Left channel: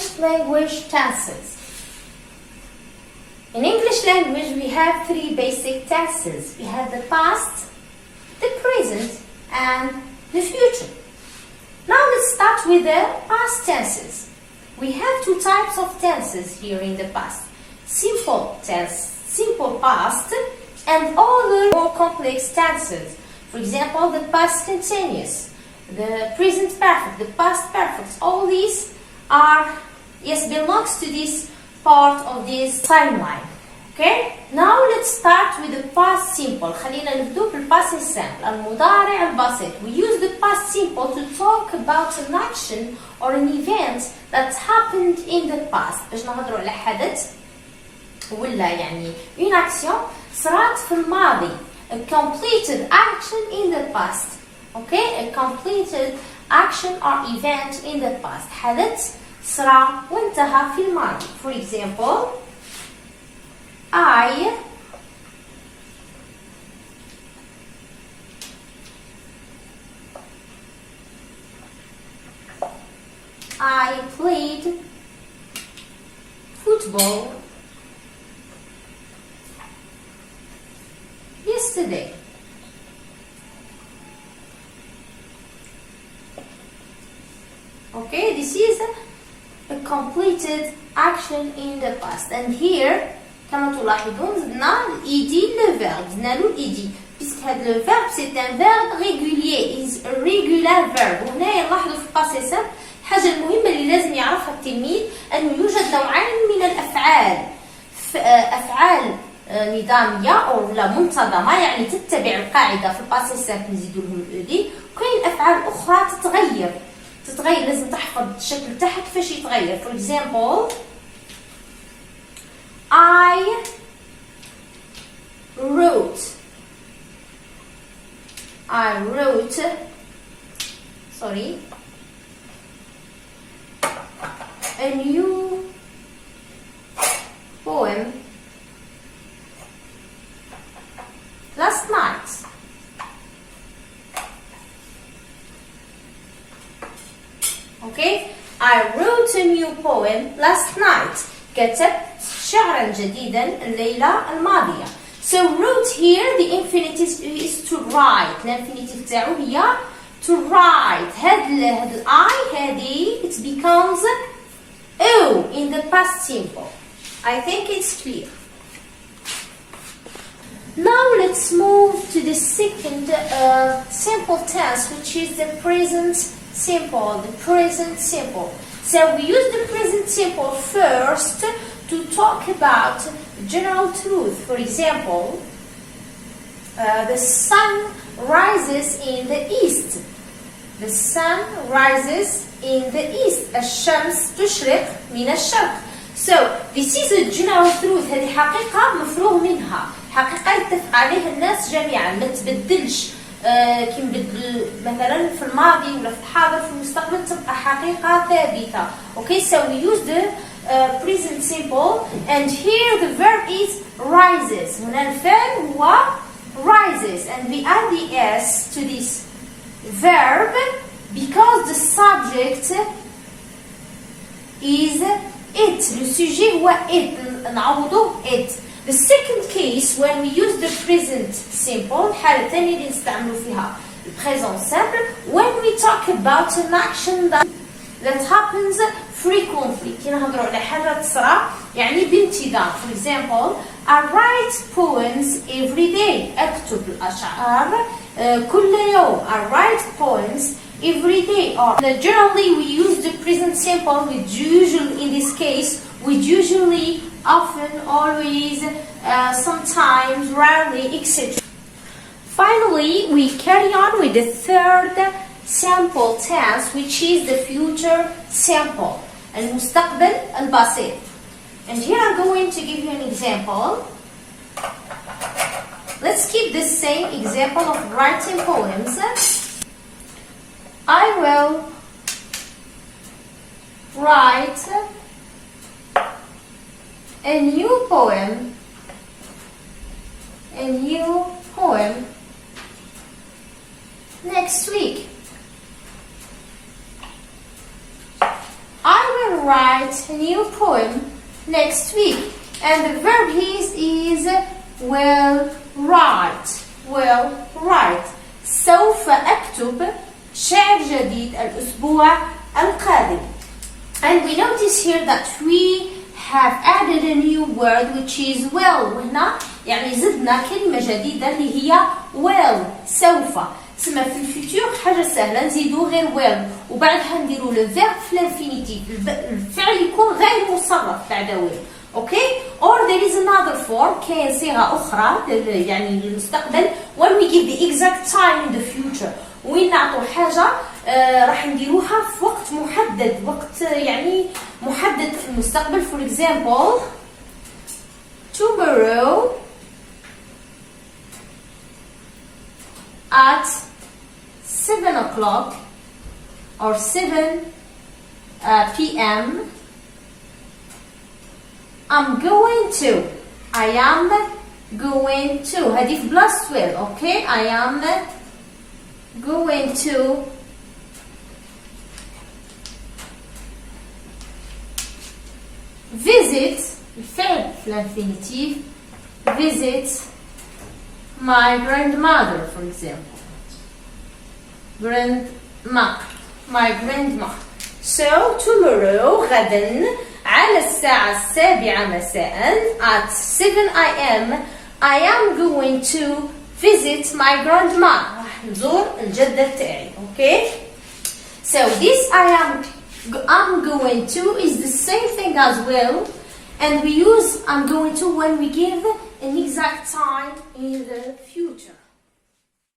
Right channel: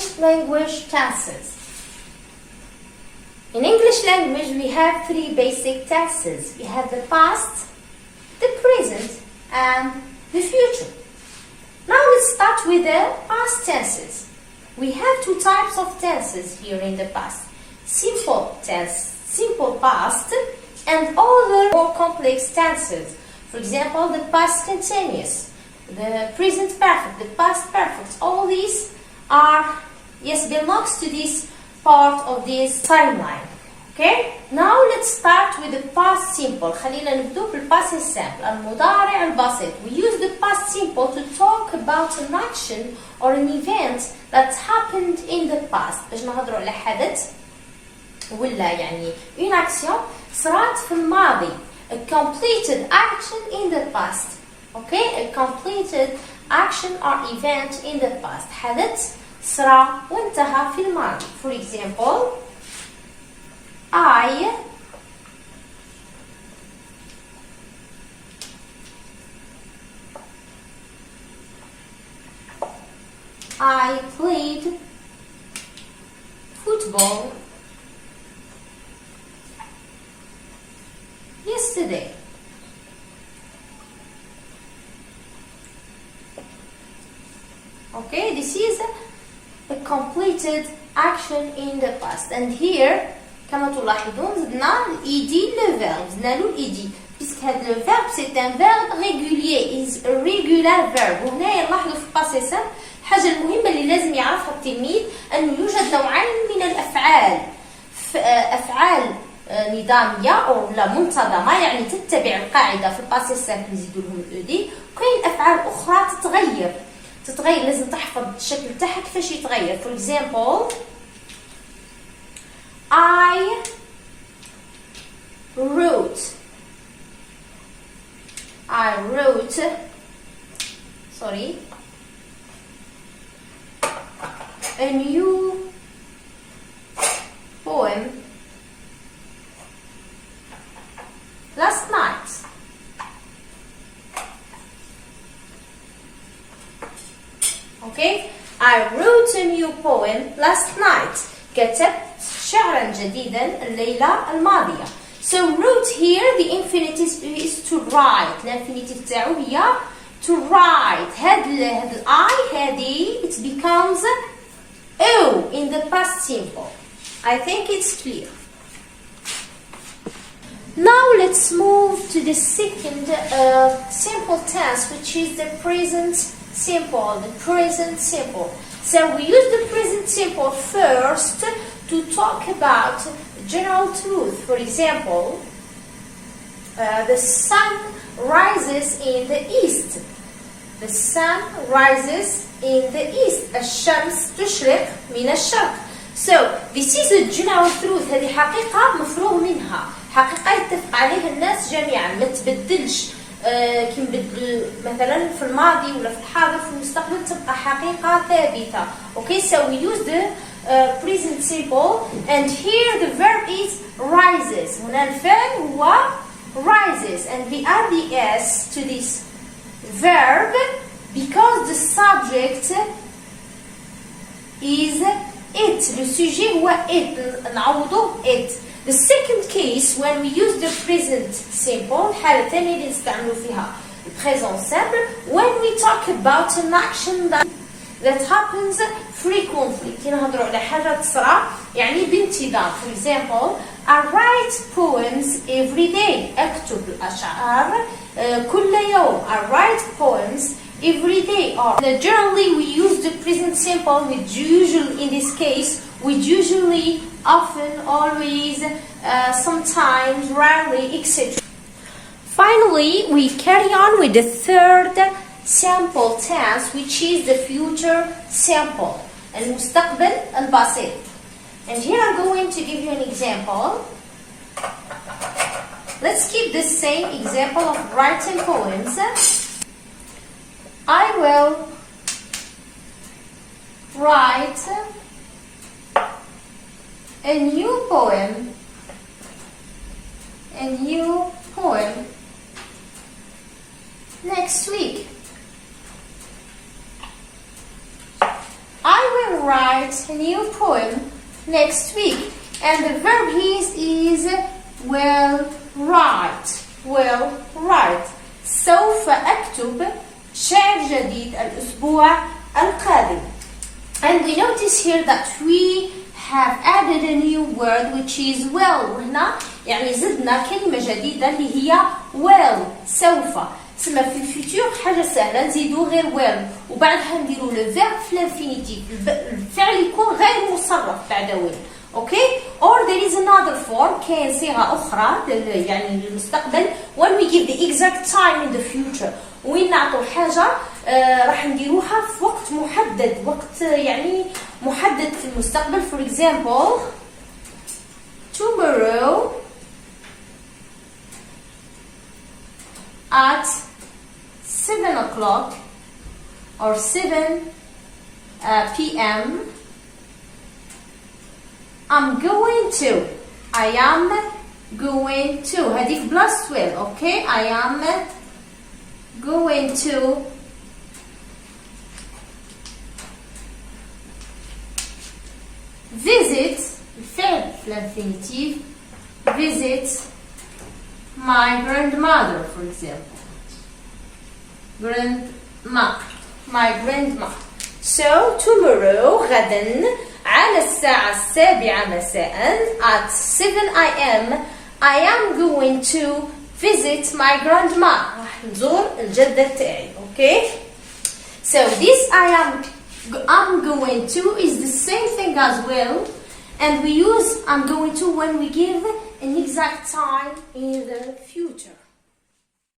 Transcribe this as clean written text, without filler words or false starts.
English language tenses. In English language, we have three basic tenses. We have the past, the present, and the future. Now let's start with the past tenses. We have two types of tenses here in the past. Simple tense, simple past, and other more complex tenses. For example, the past continuous, the present perfect, the past perfect. All these are, belongs to this part of this timeline. Okay? Now let's start with the past simple. خلينا نبدأ بالpast simple. المضارع البسيط. We use the past simple to talk about an action or an event that happened in the past. باش نهضروا على حدث ولا يعني une action صارت في الماضي. A completed action in the past. Okay? A completed action or event in the past. حدث صار وانتهى في الماضي. For example, I played football yesterday. Okay, this is a completed action in the past. And here كما تلاحظون زدنا الايدي للفيرب زدنا له الايدي باسكو هذا لو فيرب سي ان فيرب ريغولير از ريغولار فيرب. وهنا نلاحظوا في الباسي سامبل الحاجه المهمه اللي لازم يعرفها التلميذ انه يوجد نوعين من الافعال. افعال نظاميه او لا منتظمه يعني تتبع القاعده في الباسي سامبل نزيدوا لهم الاودي. وكاين افعال اخرى تتغير لازم تحفظ الشكل تاعها كيفاش يتغير. فور اكزامبل I wrote a new poem last night. Okay, I wrote a new poem last night. كتبت شعرا جديدا الليلة الماضية. So wrote here the infinitive is to write. الانفينيتيف تاعو هي to write. هاد ال I هذه it becomes O in the past simple. I think it's clear. Now let's move to the second simple tense, which is the present simple. The present simple. So we use the present simple first to talk about general truth. For example, the sun rises in the east. The sun rises in the east. الشمس تشرق من الشرق. So this is a general truth. هذه حقيقة مفروغ منها. حقيقة يتفق عليها الناس جميعا ما تبدلش. كي نبدل مثلا في الماضي ولا في الحاضر في المستقبل تبقى حقيقة ثابتة. Okay, so we use the present simple and here the verb is rises. هنا الفعل هو rises and we add the s to this verb because the subject is it. Le sujet هو it. نعوضه it. The second case when we use the present simple الحالة الثانية اللي نستعملوا فيها present simple when we talk about an action that happens frequently. كي نهضروا على حاجة تصرى يعني بانتظام. For example, I write poems every day. أكتب الأشعار كل يوم. I write poems every day. Or generally we use the present simple with usually in this case with usually, often, always, sometimes, rarely, etc. Finally, we carry on with the third simple tense, which is the future simple, المستقبل البسيط. And here I'm going to give you an example. Let's keep the same example of writing poems. I will write a new poem next week. I will will write a new poem next week. And the verb is will write. Will write. سوف أكتب شعر جديد الأسبوع القادم. And we notice here that we have added a new word which is will. هنا يعني زدنا كلمة جديدة اللي هي will. سوف. تسمى في الفيتور حاجة سهلة نزيدو غير will وبعدها نديرو لو فيرب في الانفينيتيف. الفعل يكون غير مصرف بعد will. Okay? Or there is another form كاين صيغة أخرى يعني للمستقبل when we give the exact time in the future. وين نعطو حاجة راح نديروها في وقت محدد، وقت يعني محدد في المستقبل. For example, tomorrow at 7 o'clock or 7 p.m. I'm going to. I am going to. هذه plus 12. Okay? I am going to visit الفعل في الانفينيتيف visit my grandmother for example. My grandma. So tomorrow غدا على الساعة 7 مساء at 7 a.m. I am going to visit my grandma. راح نزور الجدة تاعي. Okay? So this I'm going to is the same thing as will, and we use I'm going to when we give an exact time in the future.